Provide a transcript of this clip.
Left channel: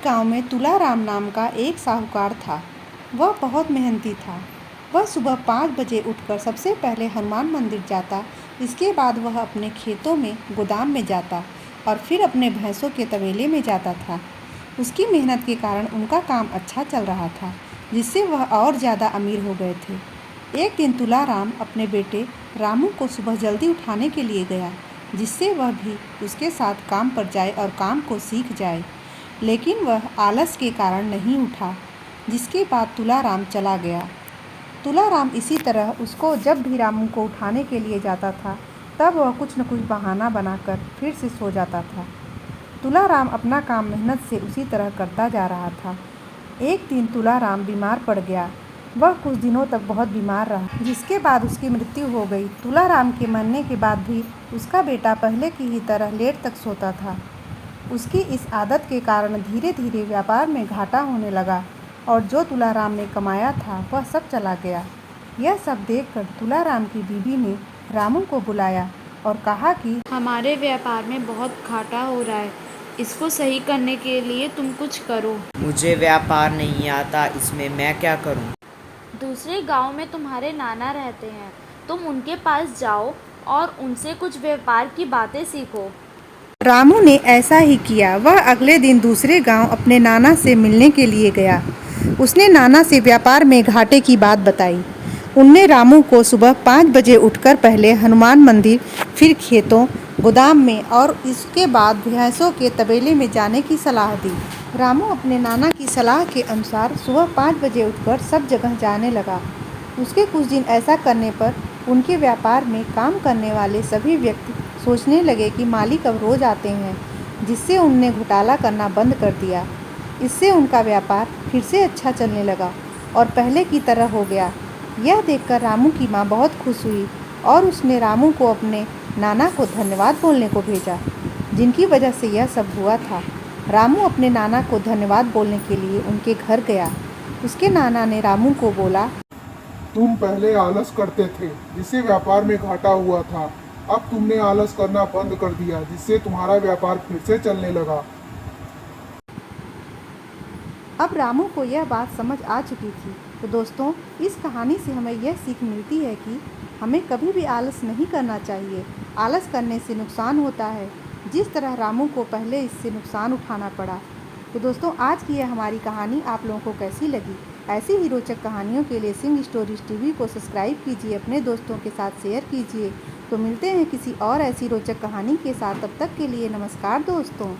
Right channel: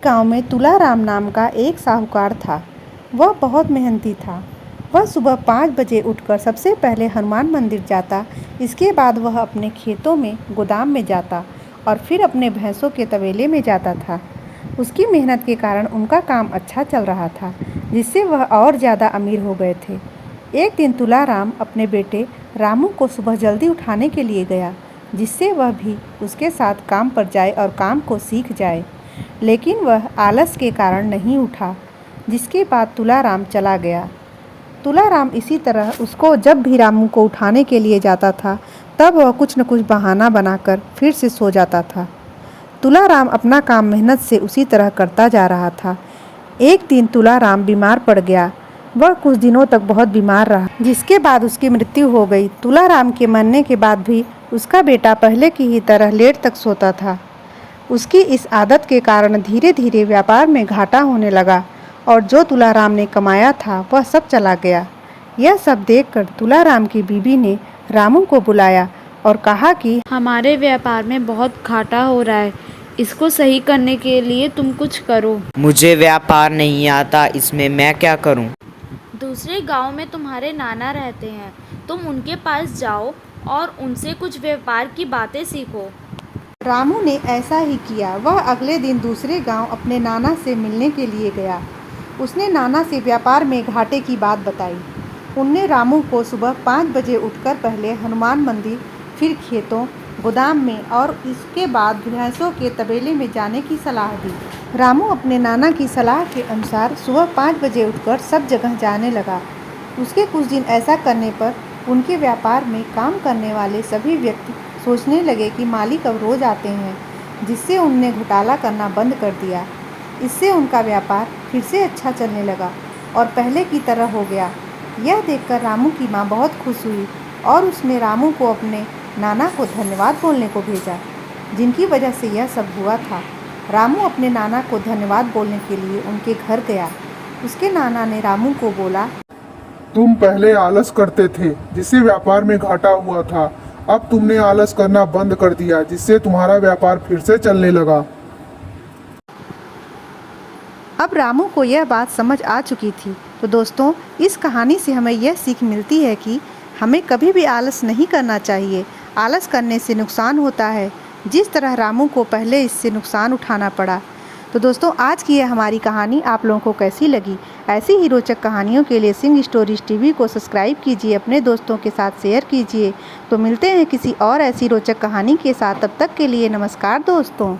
गांव में तुलाराम नाम का एक साहूकार था। वह बहुत मेहनती था। वह सुबह 5 बजे उठकर सबसे पहले हनुमान मंदिर जाता। इसके बाद वह अपने खेतों में गोदाम में जाता और फिर अपने भैंसों के तबेले में जाता था। उसकी मेहनत के कारण उनका काम अच्छा चल रहा था, जिससे वह और ज़्यादा अमीर हो गए थे। एक दिन तुलाराम अपने बेटे रामू को सुबह जल्दी उठाने के लिए गया, जिससे वह भी उसके साथ काम पर जाए और काम को सीख जाए। लेकिन वह आलस के कारण नहीं उठा, जिसके बाद तुलाराम चला गया। तुलाराम इसी तरह उसको जब भी रामू को उठाने के लिए जाता था, तब वह कुछ न कुछ बहाना बनाकर फिर से सो जाता था। तुलाराम अपना काम मेहनत से उसी तरह करता जा रहा था। एक दिन तुलाराम बीमार पड़ गया। वह कुछ दिनों तक बहुत बीमार रहा, जिसके बाद उसकी मृत्यु हो गई। तुलाराम के मरने के बाद भी उसका बेटा पहले की ही तरह लेट तक सोता था। उसकी इस आदत के कारण धीरे धीरे व्यापार में घाटा होने लगा और जो तुलाराम ने कमाया था वह सब चला गया। यह सब देखकर तुलाराम की बीवी ने रामू को बुलाया और कहा कि हमारे व्यापार में बहुत घाटा हो रहा है, इसको सही करने के लिए तुम कुछ करो। मुझे व्यापार नहीं आता, इसमें मैं क्या करूं? दूसरे गांव में तुम्हारे नाना रहते हैं, तुम उनके पास जाओ और उनसे कुछ व्यापार की बातें सीखो। रामू ने ऐसा ही किया। वह अगले दिन दूसरे गांव अपने नाना से मिलने के लिए गया। उसने नाना से व्यापार में घाटे की बात बताई। उनने रामू को सुबह 5 बजे उठकर पहले हनुमान मंदिर, फिर खेतों, गोदाम में और इसके बाद भैंसों के तबेले में जाने की सलाह दी। रामू अपने नाना की सलाह के अनुसार सुबह 5 बजे उठकर सब जगह जाने लगा। उसके कुछ दिन ऐसा करने पर उनके व्यापार में काम करने वाले सभी व्यक्ति सोचने लगे कि मालिक अब रोज आते हैं, जिससे उनने घोटाला करना बंद कर दिया। इससे उनका व्यापार फिर से अच्छा चलने लगा और पहले की तरह हो गया। यह देखकर रामू की माँ बहुत खुश हुई और उसने रामू को अपने नाना को धन्यवाद बोलने को भेजा, जिनकी वजह से यह सब हुआ था। रामू अपने नाना को धन्यवाद बोलने के लिए उनके घर गया। उसके नाना ने रामू को बोला, तुम पहले आलस करते थे, जिससे व्यापार में घाटा हुआ था। अब तुमने आलस करना बंद कर दिया, जिससे तुम्हारा व्यापार फिर से चलने लगा। अब रामू को यह बात समझ आ चुकी थी। तो दोस्तों, इस कहानी से हमें यह सीख मिलती है कि हमें कभी भी आलस नहीं करना चाहिए। आलस करने से नुकसान होता है, जिस तरह रामू को पहले इससे नुकसान उठाना पड़ा। तो दोस्तों, आज की यह हमारी कहानी आप लोगों को कैसी लगी? ऐसी ही रोचक कहानियों के लिए सिंह स्टोरीज टीवी को सब्सक्राइब कीजिए, अपने दोस्तों के साथ शेयर कीजिए। तो मिलते हैं किसी और ऐसी रोचक कहानी के साथ। तब तक के लिए नमस्कार दोस्तों।